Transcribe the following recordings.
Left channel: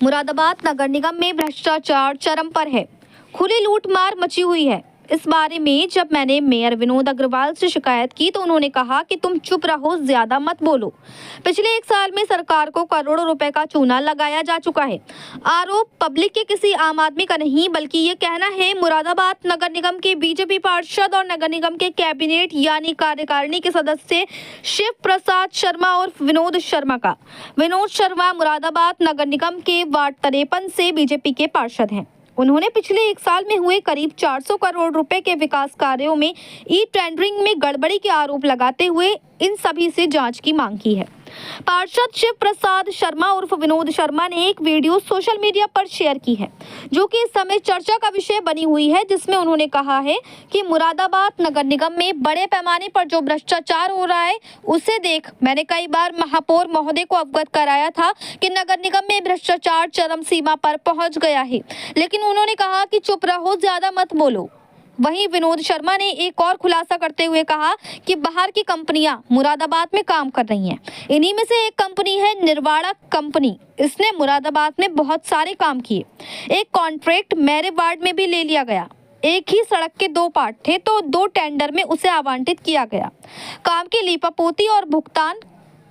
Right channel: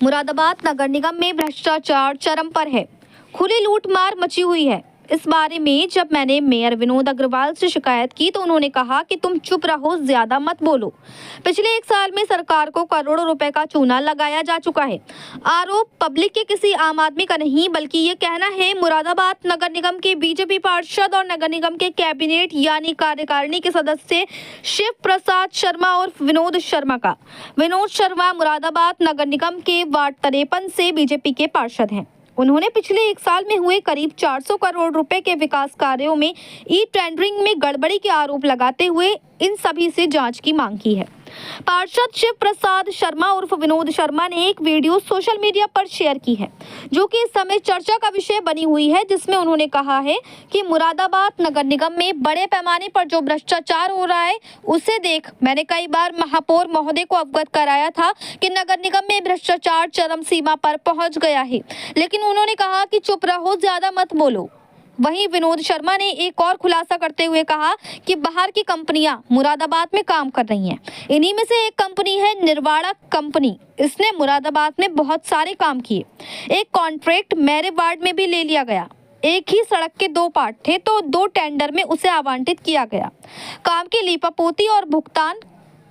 मुरादाबाद नगर निगम में भ्रष्टाचार चरम पर है। खुली लूटमार मची हुई है। इस बारे में जब मैंने मेयर विनोद अग्रवाल से शिकायत की तो उन्होंने कहा कि तुम चुप रहो, ज्यादा मत बोलो। पिछले 1 साल में सरकार को करोड़ों रुपए का चूना लगाया जा चुका है। आरोप पब्लिक के किसी आम आदमी का नहीं बल्कि ये कहना है मुरादाबाद नगर निगम के बीजेपी पार्षद और नगर निगम के कैबिनेट यानी कार्यकारिणी के सदस्य शिव प्रसाद शर्मा और विनोद शर्मा का। विनोद शर्मा मुरादाबाद नगर निगम के वार्ड 53 से बीजेपी के पार्षद हैं। उन्होंने पिछले 1 साल में हुए करीब 400 करोड़ रुपए के विकास कार्यों में ई टेंडरिंग में गड़बड़ी के आरोप लगाते हुए इन सभी से जांच की मांग की है। पार्षद शिव प्रसाद शर्मा उर्फ विनोद शर्मा ने एक वीडियो सोशल मीडिया पर शेयर की है जो कि इस समय चर्चा का विषय बनी हुई है, जिसमें उन्होंने कहा है कि मुरादाबाद नगर निगम में बड़े पैमाने पर जो भ्रष्टाचार हो रहा है उसे देख मैंने कई बार महापौर महोदय को अवगत कराया था कि नगर निगम में भ्रष्टाचार चरम सीमा पर पहुंच गया है, लेकिन उन्होंने कहा कि चुप रहो, ज्यादा मत बोलो। वहीं विनोद शर्मा ने एक और खुलासा करते हुए कहा कि बाहर की कंपनियां मुरादाबाद में काम कर रही हैं। इन्हीं में से एक कंपनी है निर्वाणा कंपनी। इसने मुरादाबाद में बहुत सारे काम किए। एक कॉन्ट्रैक्ट मेरे वार्ड में भी ले लिया गया। एक ही सड़क के 2 पार्ट थे तो 2 टेंडर में उसे आवंटित किया गया। काम की लीपापोती और भुगतान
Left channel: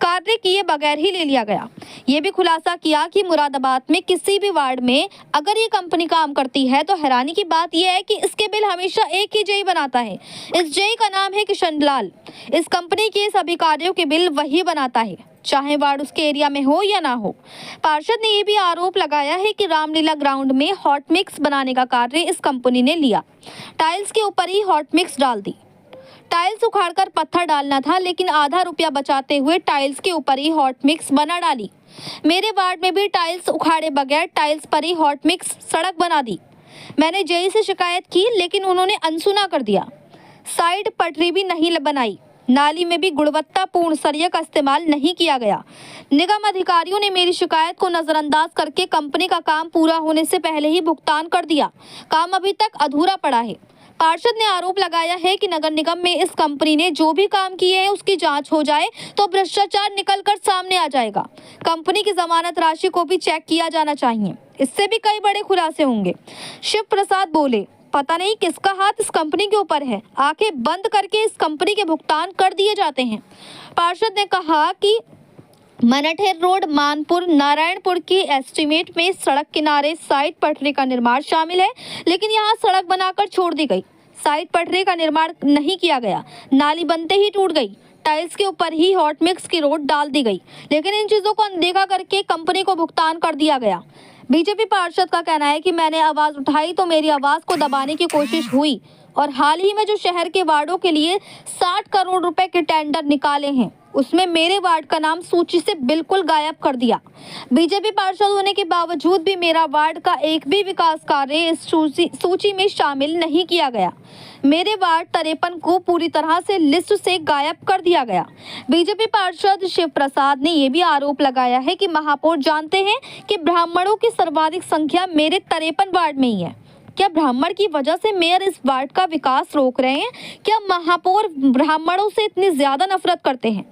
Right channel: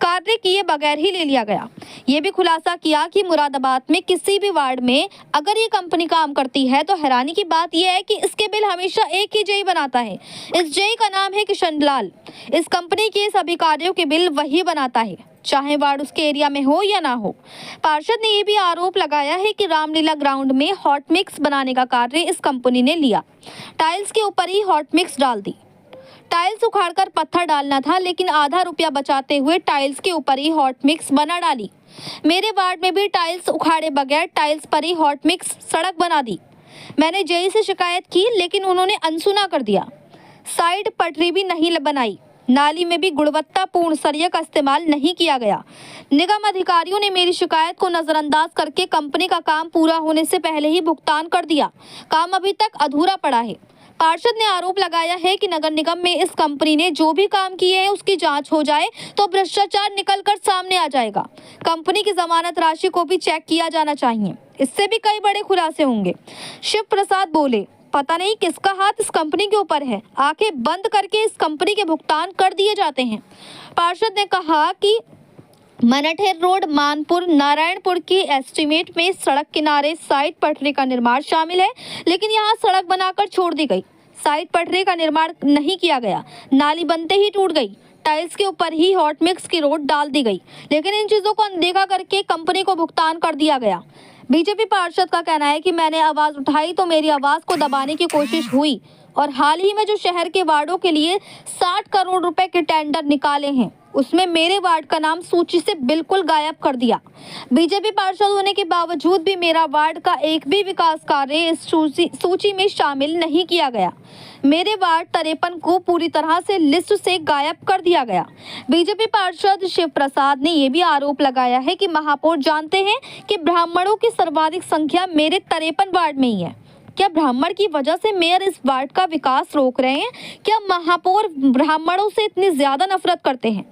कार्य किए बगैर ही ले लिया गया। ये भी खुलासा किया कि मुरादाबाद में किसी भी वार्ड में अगर ये कंपनी काम करती है तो हैरानी की बात यह है कि इसके बिल हमेशा एक ही जेई बनाता है। इस जेई का नाम है किशन लाल। इस कंपनी के सभी कार्यों के बिल वही बनाता है, चाहे वार्ड उसके एरिया में हो या ना हो। पार्षद ने यह भी आरोप लगाया है कि रामलीला ग्राउंड में हॉट मिक्स बनाने का कार्य इस कंपनी ने लिया। टाइल्स के ऊपर ही हॉट मिक्स डाल दी। टाइल्स उखाड़कर पत्थर डालना था, लेकिन आधा रुपया बचाते हुए टाइल्स के ऊपर ही हॉट मिक्स बना डाली। मेरे वार्ड में भी टाइल्स उखाड़े बगैर टाइल्स पर ही हॉट मिक्स सड़क बना दी। मैंने जेई से शिकायत की लेकिन उन्होंने अनसुना कर दिया। साइड पटरी भी नहीं बनाई। नाली में भी गुणवत्तापूर्ण सरिया का इस्तेमाल नहीं किया गया। निगम अधिकारियों ने मेरी शिकायत को नजरअंदाज करके कंपनी का काम पूरा होने से पहले ही भुगतान कर दिया। काम अभी तक अधूरा पड़ा है। पार्षद ने आरोप लगाया है कि नगर निगम में इस कंपनी ने जो भी काम किए हैं उसकी जांच हो जाए तो भ्रष्टाचार निकलकर सामने आ जाएगा। कंपनी की जमानत राशि को भी चेक किया जाना चाहिए। इससे भी कई बड़े खुलासे होंगे। शिव प्रसाद बोले, पता नहीं किसका हाथ इस कंपनी के ऊपर है, आंखें बंद करके इस कंपनी के भुगतान कर दिए जाते हैं। पार्षद ने कहा कि मनठेर रोड मानपुर नारायणपुर की एस्टीमेट में सड़क किनारे साइड पटरी का निर्माण शामिल है, लेकिन यहाँ सड़क बनाकर छोड़ दी गई। साइड पटरी का निर्माण नहीं किया गया। नाली बनते ही टूट गई। टाइल्स के ऊपर ही हॉट मिक्स की रोड डाल दी गई, लेकिन इन चीजों को अनदेखा करके कंपनी को भुगतान कर दिया गया। बीजेपी पार्षद का कहना है कि मैंने आवाज उठाई तो मेरी आवाज को दबाने की कोशिश हुई और हाल ही में जो शहर के वार्डों के लिए 60 करोड़ रुपए के टेंडर निकाले हैं उसमें मेरे वार्ड का नाम सूची से बिल्कुल गायब कर दिया। बीजेपी पार्षद होने के बावजूद भी मेरा वार्ड का एक भी विकास कार्य इस सूची में शामिल नहीं किया गया। मेरे वार्ड 53 को पूरी तरह से लिस्ट से गायब कर दिया गया। बीजेपी पार्षद शिव प्रसाद ने यह भी आरोप लगाया है कि महापौर जानते हैं कि ब्राह्मणों की सर्वाधिक संख्या मेरे 53 वार्ड में ही है। क्या ब्राह्मण की वजह से मेयर इस वार्ड का विकास रोक रहे हैं? क्या महापौर ब्राह्मणों से इतनी ज्यादा नफरत करते हैं?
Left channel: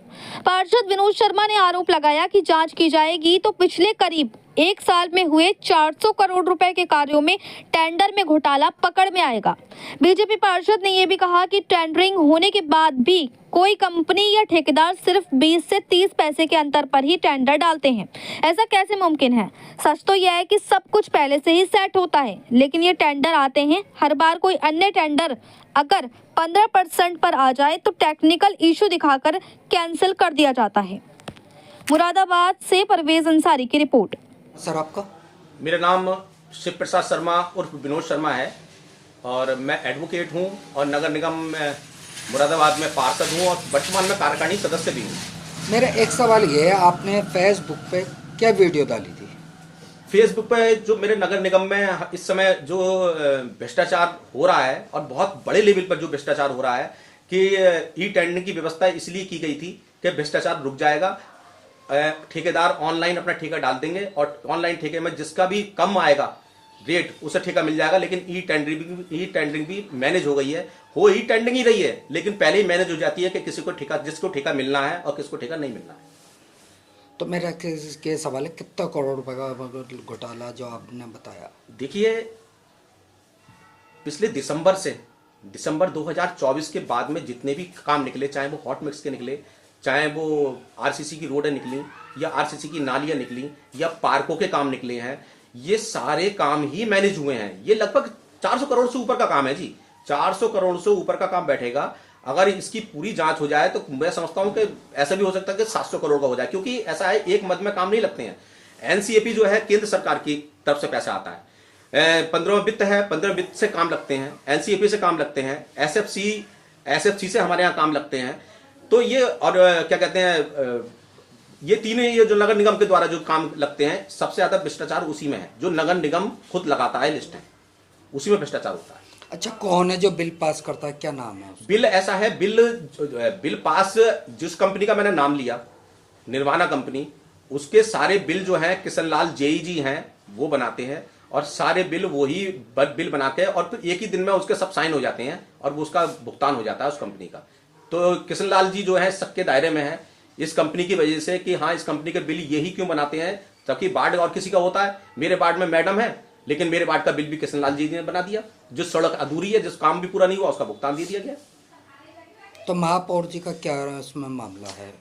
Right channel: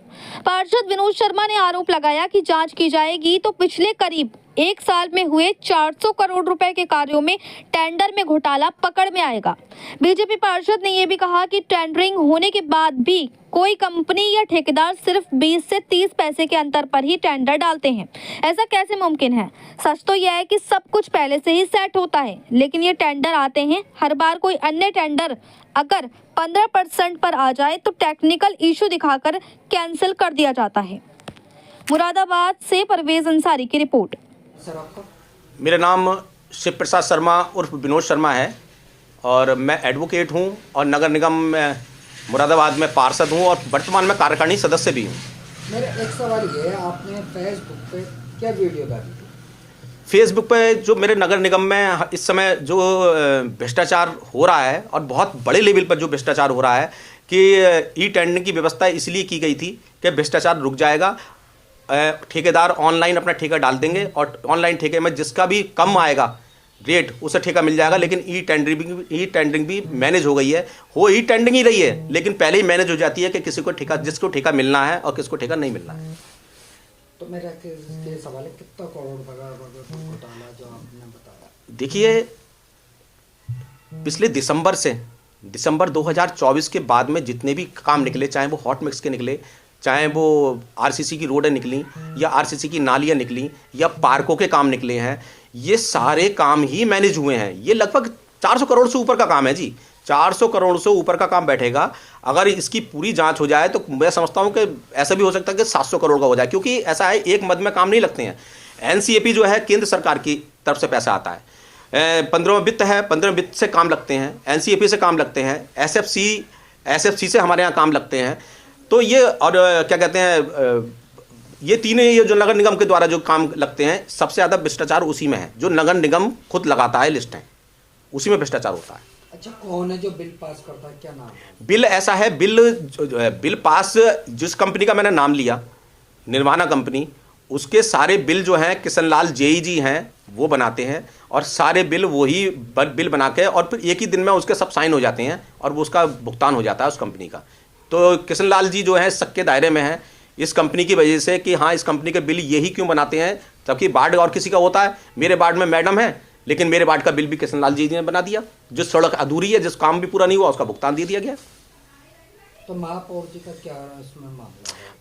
पार्षद विनोद शर्मा ने आरोप लगाया कि जांच की जाएगी तो पिछले करीब 1 साल में हुए 400 करोड़ रुपए के कार्यों में टेंडर में घोटाला पकड़ में आएगा। बीजेपी पार्षद ने यह भी कहा कि टेंडरिंग होने के बाद भी कोई कंपनी या ठेकेदार सिर्फ 20 से 30 पैसे के अंतर पर ही टेंडर डालते हैं। ऐसा कैसे मुमकिन है? सच तो यह है कि सब कुछ पहले से ही सेट होता है, लेकिन ये टेंडर आते हैं हर बार कोई अन्य टेंडर अगर 15% पर आ जाए तो टेक्निकल इशू दिखाकर कैंसिल कर दिया जाता है। मुरादाबाद से परवेज अंसारी की रिपोर्ट। सर आपका? मेरा नाम शिव प्रसाद शर्मा उर्फ विनोद शर्मा है और मैं एडवोकेट हूं और नगर निगम में मुरादाबाद में पार्षद हूं और वर्तमान में कार्यकारिणी सदस्य भी हूं। मेरा एक सवाल ये है, आपने फेसबुक पे क्या वीडियो डाली थी? फेसबुक पे जो मेरे नगर निगम में इस समय जो भ्रष्टाचार हो रहा है और बहुत बड़े लेवल पर जो भ्रष्टाचार हो रहा है कि ई टेंडरिंग की व्यवस्था इसलिए की गई थी कि भ्रष्टाचार रुक जाएगा। ठेकेदार ऑनलाइन अपना ठेका डाल देंगे और ऑनलाइन ठेके में जिसका भी कम आएगा रेट उसे ठेका मिल जाएगा। लेकिन ई टेंडरिंग भी मैनेज हो गई है। हो ई टेंडरिंग ही रही है, लेकिन पहले ही मैनेज हो जाती है कि किसी को ठेका, जिसको ठेका मिलना है और किसको ठेका नहीं मिलना है। तो मेरा के सवाल है, कितना करोड़ रुपए का घोटाला जो आपने बताया? देखिए, पिछले दिसंबर 2024 के बाद में जितने भी काम निकले, चाहे वो हॉट मिक्स के निकले, चाहे वो आरसीसी की रोडें निकली या आरसीसी की नालियां निकली या पार्कों के काम निकले हैं, ये सारे काम ही मैनेज हुए हैं। ये लगभग 400 करोड़ से ऊपर का काम है जी। 400 करोड़ से ऊपर का काम बैठेगा। अगर इसकी पूरी जांच हो जाए तो मैं समझता हूं कि ऐसा भी हो सकता है कि 700 करोड़ का हो जाए, क्योंकि ऐसा है, एक मद में काम नहीं लगते हैं। एनसीएपी जो है केंद्र सरकार की तरफ से पैसा आता है, 15वां वित्त है, 15वें वित्त से काम लगते हैं, एनसीएपी से काम लगते हैं, एसएफसी से हमारे यहाँ काम लगते हैं। तो ये और क्या कहते हैं, ये तीनों ये जो नगर निगम के द्वारा जो काम लगते हैं, सबसे ज़्यादा भ्रष्टाचार उसी में है। जो नगर निगम खुद लगाता है लिस्ट है, उसी में भ्रष्टाचार होता है। अच्छा, कौन है जो बिल पास करता है, क्या नाम है? बिल ऐसा है, बिल पास जिस कंपनी का मैंने नाम लिया, निर्वाणा कंपनी, उसके सारे बिल जो हैं किशनलाल जेई जी हैं वो बनाते हैं, और सारे बिल वही बिल बना के और फिर एक ही दिन में उसके सब साइन हो जाते हैं और वो उसका भुगतान हो जाता है उस कंपनी का। तो किशनलाल जी जो है सबके दायरे में है इस कंपनी की वजह से कि हाँ, इस कंपनी के बिल यही क्यों बनाते हैं, जबकि वार्ड और किसी का होता है। मेरे वार्ड में मैडम है, लेकिन मेरे वार्ड का बिल भी किशनलाल जी ने बना दिया। जिस सड़क अधूरी है, जिस काम भी पूरा नहीं हुआ, उसका भुगतान दे दिया गया। तो महापौर जी का क्या इसमें मामला है?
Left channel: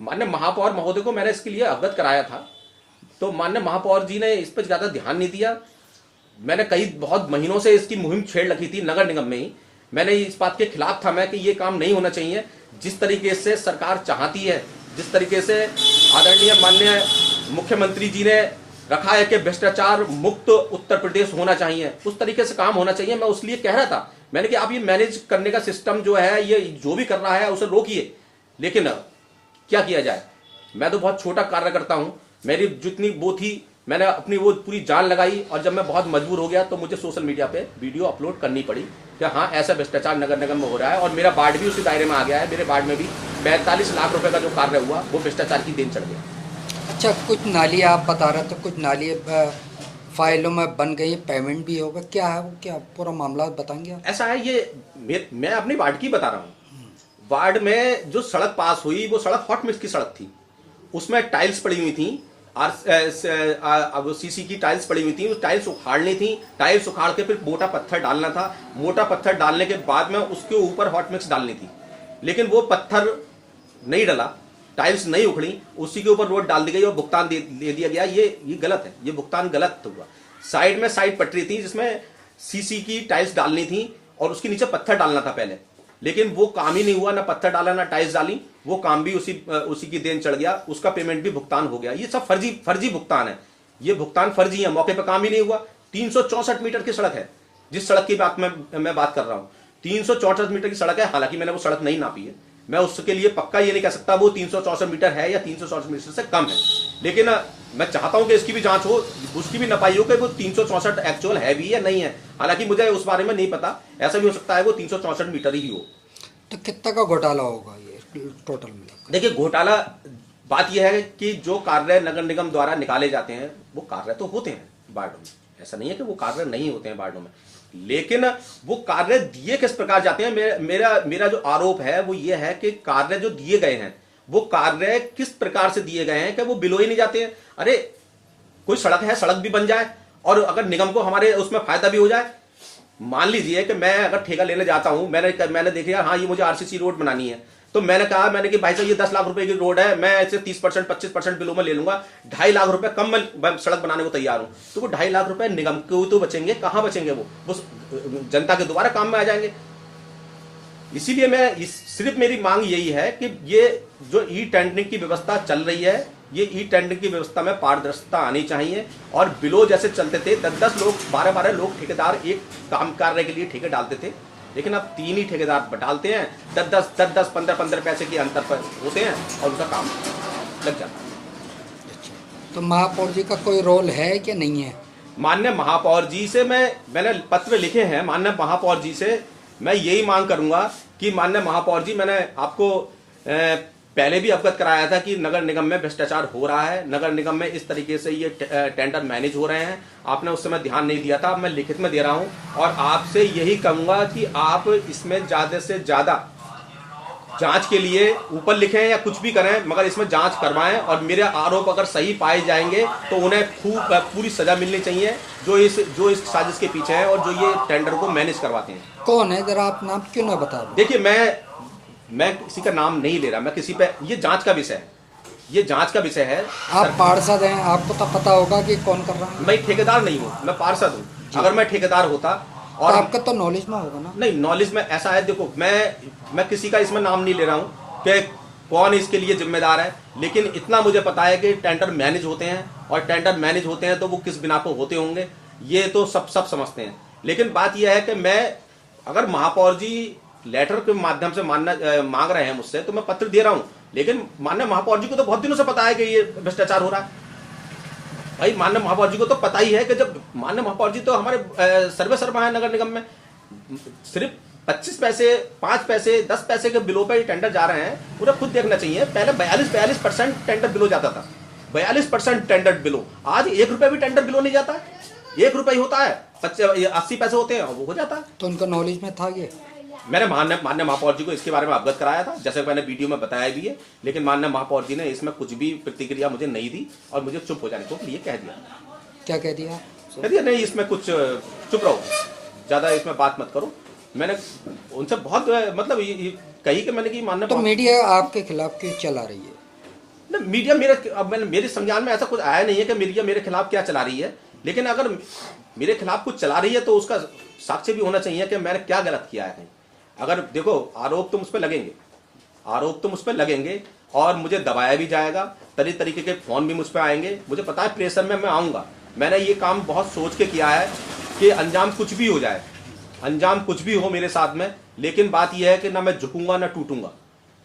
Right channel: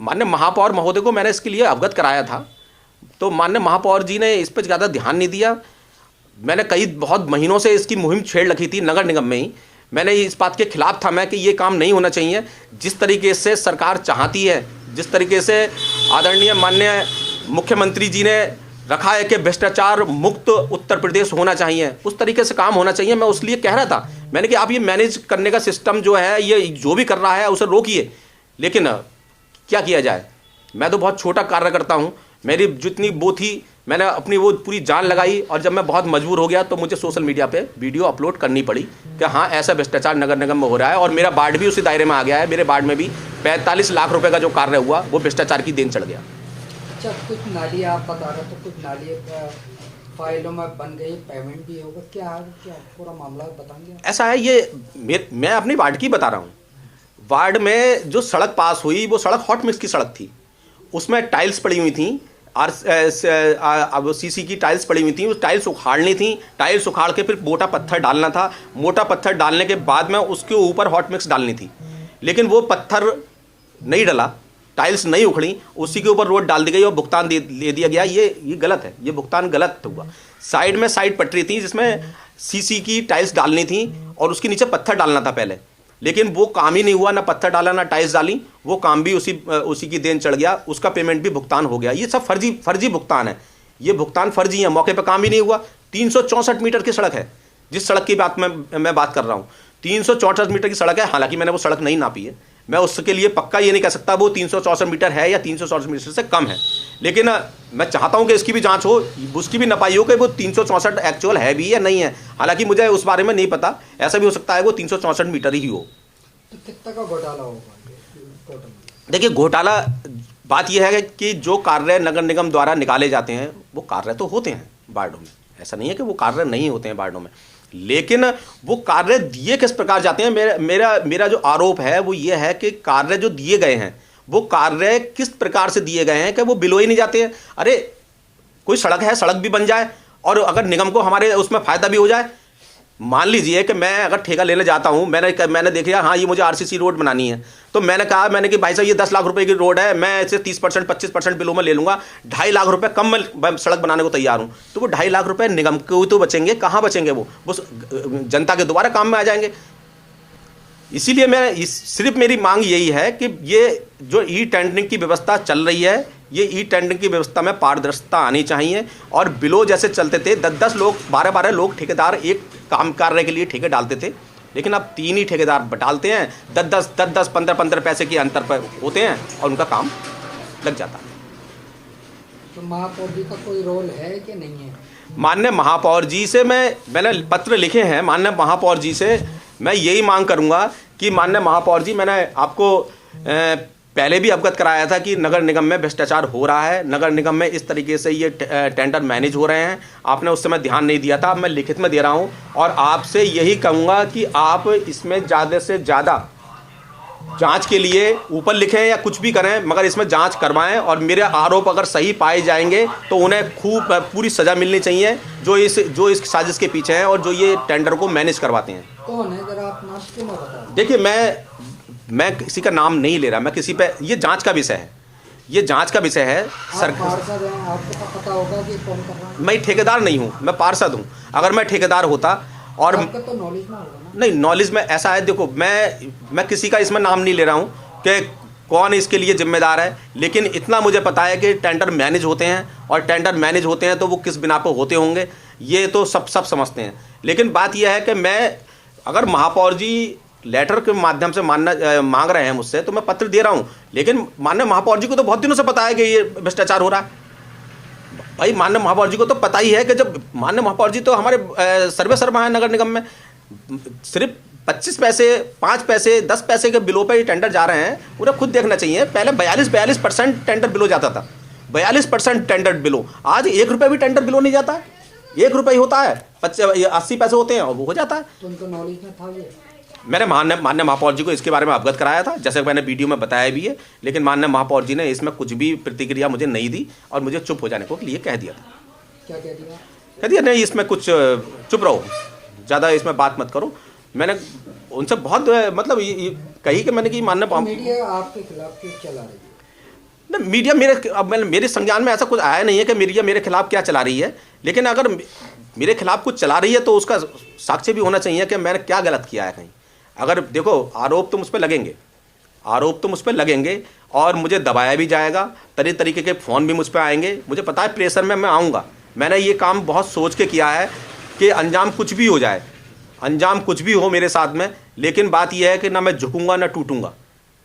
माननीय महापौर महोदय को मैंने इसके लिए अवगत कराया था, तो माननीय महापौर जी ने इस पर ज़्यादा ध्यान नहीं दिया। मैंने बहुत महीनों से इसकी मुहिम छेड़ रखी थी नगर निगम में ही। मैंने इस बात के खिलाफ था मैं कि ये काम नहीं होना चाहिए। जिस तरीके से सरकार चाहती है, जिस तरीके से आदरणीय माननीय मुख्यमंत्री जी ने रखा है कि भ्रष्टाचार मुक्त उत्तर प्रदेश होना चाहिए, उस तरीके से काम होना चाहिए। मैं उस लिए कह रहा था, मैंने कि आप ये मैनेज करने का सिस्टम जो है, ये जो भी कर रहा है उसे रोकिए। लेकिन क्या किया जाए, मैं तो बहुत छोटा कार्य करता हूँ। मेरी जितनी वो थी, मैंने अपनी वो पूरी जान लगाई, और जब मैं बहुत मजबूर हो गया तो मुझे सोशल मीडिया पे वीडियो अपलोड करनी पड़ी कि हाँ, ऐसा भ्रष्टाचार नगर निगम में हो रहा है। और मेरा वार्ड भी उसी दायरे में आ गया है। मेरे वार्ड में भी 45 लाख रुपए का जो कार्य हुआ वो भ्रष्टाचार की देन चढ़ गया। अच्छा, कुछ नाली आप बता रहे थे, कुछ नाली फाइलों में बन गई, पेमेंट भी होगा, क्या है वो, क्या पूरा मामला बताएंगे? ऐसा है, ये मैं अपनी वार्ड की बता रहा हूँ। वार्ड में जो सड़क पास हुई वो सड़क हॉट मिक्स की सड़क थी, उसमें टाइल्स पड़ी हुई थी और सीसी की टाइल्स पड़ी हुई थी। उस टाइल्स उखाड़नी थी, टाइल्स उखाड़ के फिर मोटा पत्थर डालना था। मोटा पत्थर डालने के बाद में उसके ऊपर हॉट मिक्स डालनी थी, लेकिन वो पत्थर नहीं डला, टाइल्स नहीं उखड़ी, उसी के ऊपर रोड डाल दी गई और भुगतान दे दिया गया। ये गलत है, ये भुगतान गलत हुआ। साइड में साइड पटरी थी जिसमें सीसी की टाइल्स डालनी थी और उसके नीचे पत्थर डालना था पहले, लेकिन वो काम ही नहीं हुआ, ना पत्थर डाला ना टाइल्स डाली। वो काम भी उसी की देन चढ़ गया, उसका पेमेंट भी भुगतान हो गया। ये सब फर्जी भुगतान है, ये भुगतान फर्जी है, मौके पर काम ही नहीं हुआ। 364 मीटर की सड़क है, जिस सड़क की बात मैं बात कर रहा हूँ, 364 मीटर की सड़क है। हालांकि मैंने वो सड़क नहीं नापी है, मैं उसके लिए पक्का ये नहीं कह सकता वो 364 मीटर है या 364 मीटर से कम है, लेकिन मैं चाहता हूं कि इसकी भी जांच हो, उसकी भी नपाई हो कि वो 364 एक्चुअल है भी या नहीं है। हालांकि मुझे उस बारे में नहीं पता, ऐसा भी हो सकता है वो 364 मीटर ही हो। तो कितना का घोटाला होगा ये टोटल में? देखिए, घोटाला बात यह है कि जो कार्य नगर निगम द्वारा निकाले जाते हैं वो कार्य तो होते हैं वार्डों में, ऐसा नहीं है कि वो कार्य नहीं होते हैं वार्डों में, लेकिन वो कार्य दिए किस प्रकार जाते हैं। मेरा जो आरोप है वो ये है कि कार्य जो दिए गए हैं वो कार्य किस प्रकार से दिए गए हैं कि वो बिलो ही नहीं जाते हैं। अरे, कोई सड़क है, सड़क भी बन जाए और अगर निगम को हमारे उसमें फायदा भी हो जाए। मान लीजिए कि मैं अगर ठेका लेने जाता हूं, मैंने देख लिया हाँ ये मुझे आरसीसी रोड बनानी है, तो मैंने कि भाई साहब ये 10 लाख रुपए की रोड है, मैं इसे 30% 25% बिलों में ले लूंगा, 2.5 लाख रुपए कम मैं सड़क बनाने को तैयार हूं। तो वो 2.5 लाख रुपए निगम को तो बचेंगे, कहां बचेंगे, वो जनता के दोबारा काम में आ जाएंगे। इसीलिए सिर्फ मेरी मांग यही है कि ये जो ई टेंडरिंग की व्यवस्था चल रही है, ये ई टेंडरिंग की व्यवस्था में पारदर्शिता आनी चाहिए। और बिलो जैसे चलते थे, 10-10 लोग, 12-12 लोग ठेकेदार एक काम करने के लिए ठेके डालते थे, लेकिन अब 3 ही ठेकेदार डालते हैं, 10-10 15-15 पैसे के अंतर पर होते हैं और उनका काम लग जाता है। तो महापौर जी का कोई रोल है कि नहीं है? माननीय महापौर जी से मैंने पत्र लिखे हैं। माननीय महापौर जी से मैं यही मांग करूंगा कि माननीय महापौर जी, मैंने आपको पहले भी अवगत कराया था कि नगर निगम में भ्रष्टाचार हो रहा है, नगर निगम में इस तरीके से ये टेंडर मैनेज हो रहे हैं। आपने उस समय ध्यान नहीं दिया था, मैं लिखित में दे रहा हूं और आपसे यही कहूंगा कि आप इसमें ज़्यादा से ज़्यादा जांच के लिए ऊपर लिखें या कुछ भी करें, मगर इसमें जांच करवाएं और मेरे आरोप अगर सही पाए जाएंगे तो उन्हें खूब पूरी सजा मिलनी चाहिए जो इस साजिश के पीछे हैं और जो ये टेंडर को मैनेज करवाते हैं। कौन है, जरा आप नाम क्यों ना बता रहे? देखिए, मैं किसी का नाम नहीं ले रहा, मैं किसी पे, ये जांच का विषय है, ये जांच का विषय है। आप पार्षद हैं, आपको तो पता होगा कि कौन कर रहा है। मैं ठेकेदार नहीं हूँ, मैं पार्षद हूँ। अगर मैं ठेकेदार होता और तो आपका तो नॉलेज में होगा ना? नहीं, नॉलेज में ऐसा है, देखो मैं किसी का इसमें नाम नहीं ले रहा हूँ कि कौन इसके लिए जिम्मेदार है, लेकिन इतना मुझे पता है कि टेंडर मैनेज होते हैं और टेंडर मैनेज होते हैं तो वो किस बिना पर होते होंगे ये तो सब समझते हैं। लेकिन बात यह है कि मैं अगर महापौर जी लेटर के माध्यम से मांग रहे हैं मुझसे तो मैं पत्र दे रहा हूँ, लेकिन माननीय महापौर जी को तो बहुत दिनों से पता है कि ये भ्रष्टाचार हो रहा है। भाई माननीय महापौर जी को तो पता ही है कि जब माननीय महापौर जी तो हमारे सर्वे सर्वा है नगर निगम में, सिर्फ 25 पैसे 5 पैसे 10 पैसे के बिलों पे टेंडर जा रहे हैं। उन्हें खुद देखना चाहिए, पहले 42% टेंडर बिलो जाता था, 42% टेंडर बिलो, आज 1 रुपये भी टेंडर बिलो नहीं जाता है। 1 रुपये होता है, 80 पैसे होते हैं और वो हो जाता है। तो उनका नॉलेज में था ये? मैंने माननीय महापौर जी को इसके बारे में अवगत कराया था, जैसे मैंने वीडियो में बताया भी है, लेकिन माननीय महापौर जी ने इसमें कुछ भी प्रतिक्रिया मुझे नहीं दी और मुझे चुप हो जाने को लिए कह दिया था। क्या कह दिया? कह दिया नहीं, इसमें कुछ चुप रहो, ज़्यादा इसमें बात मत करो। मैंने उनसे बहुत मतलब कही कि मैंने कि माननीय तो मीडिया आपके खिलाफ क्यों चला रही है? ना, मीडिया मेरे संज्ञान में ऐसा कुछ आया नहीं है कि मीडिया मेरे खिलाफ क्या चला रही है, लेकिन अगर मेरे खिलाफ कुछ चला रही है तो उसका साक्ष्य भी होना चाहिए कि मैंने क्या गलत किया है कहीं। अगर देखो, आरोप तो मुझ पर लगेंगे और मुझे दबाया भी जाएगा, तरह तरीके के फ़ोन भी मुझ पर आएंगे। मुझे पता है प्रेशर में मैं आऊँगा। मैंने ये काम बहुत सोच के किया है कि अंजाम कुछ भी हो जाए, अंजाम कुछ भी हो मेरे साथ में, लेकिन बात यह है कि ना मैं झुकूंगा ना टूटूंगा,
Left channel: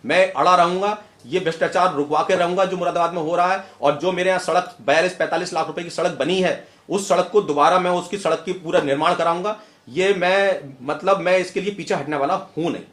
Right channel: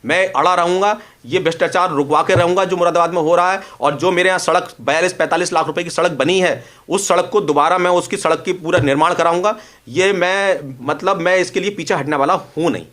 मैं अड़ा रहूंगा। ये भ्रष्टाचार रुकवा के रहूंगा जो मुरादाबाद में हो रहा है। और जो मेरे यहाँ सड़क 42-45 लाख रुपए की सड़क बनी है, उस सड़क को दोबारा मैं उसकी सड़क की पूरा निर्माण कराऊंगा। ये मैं इसके लिए पीछे हटने वाला हूं नहीं।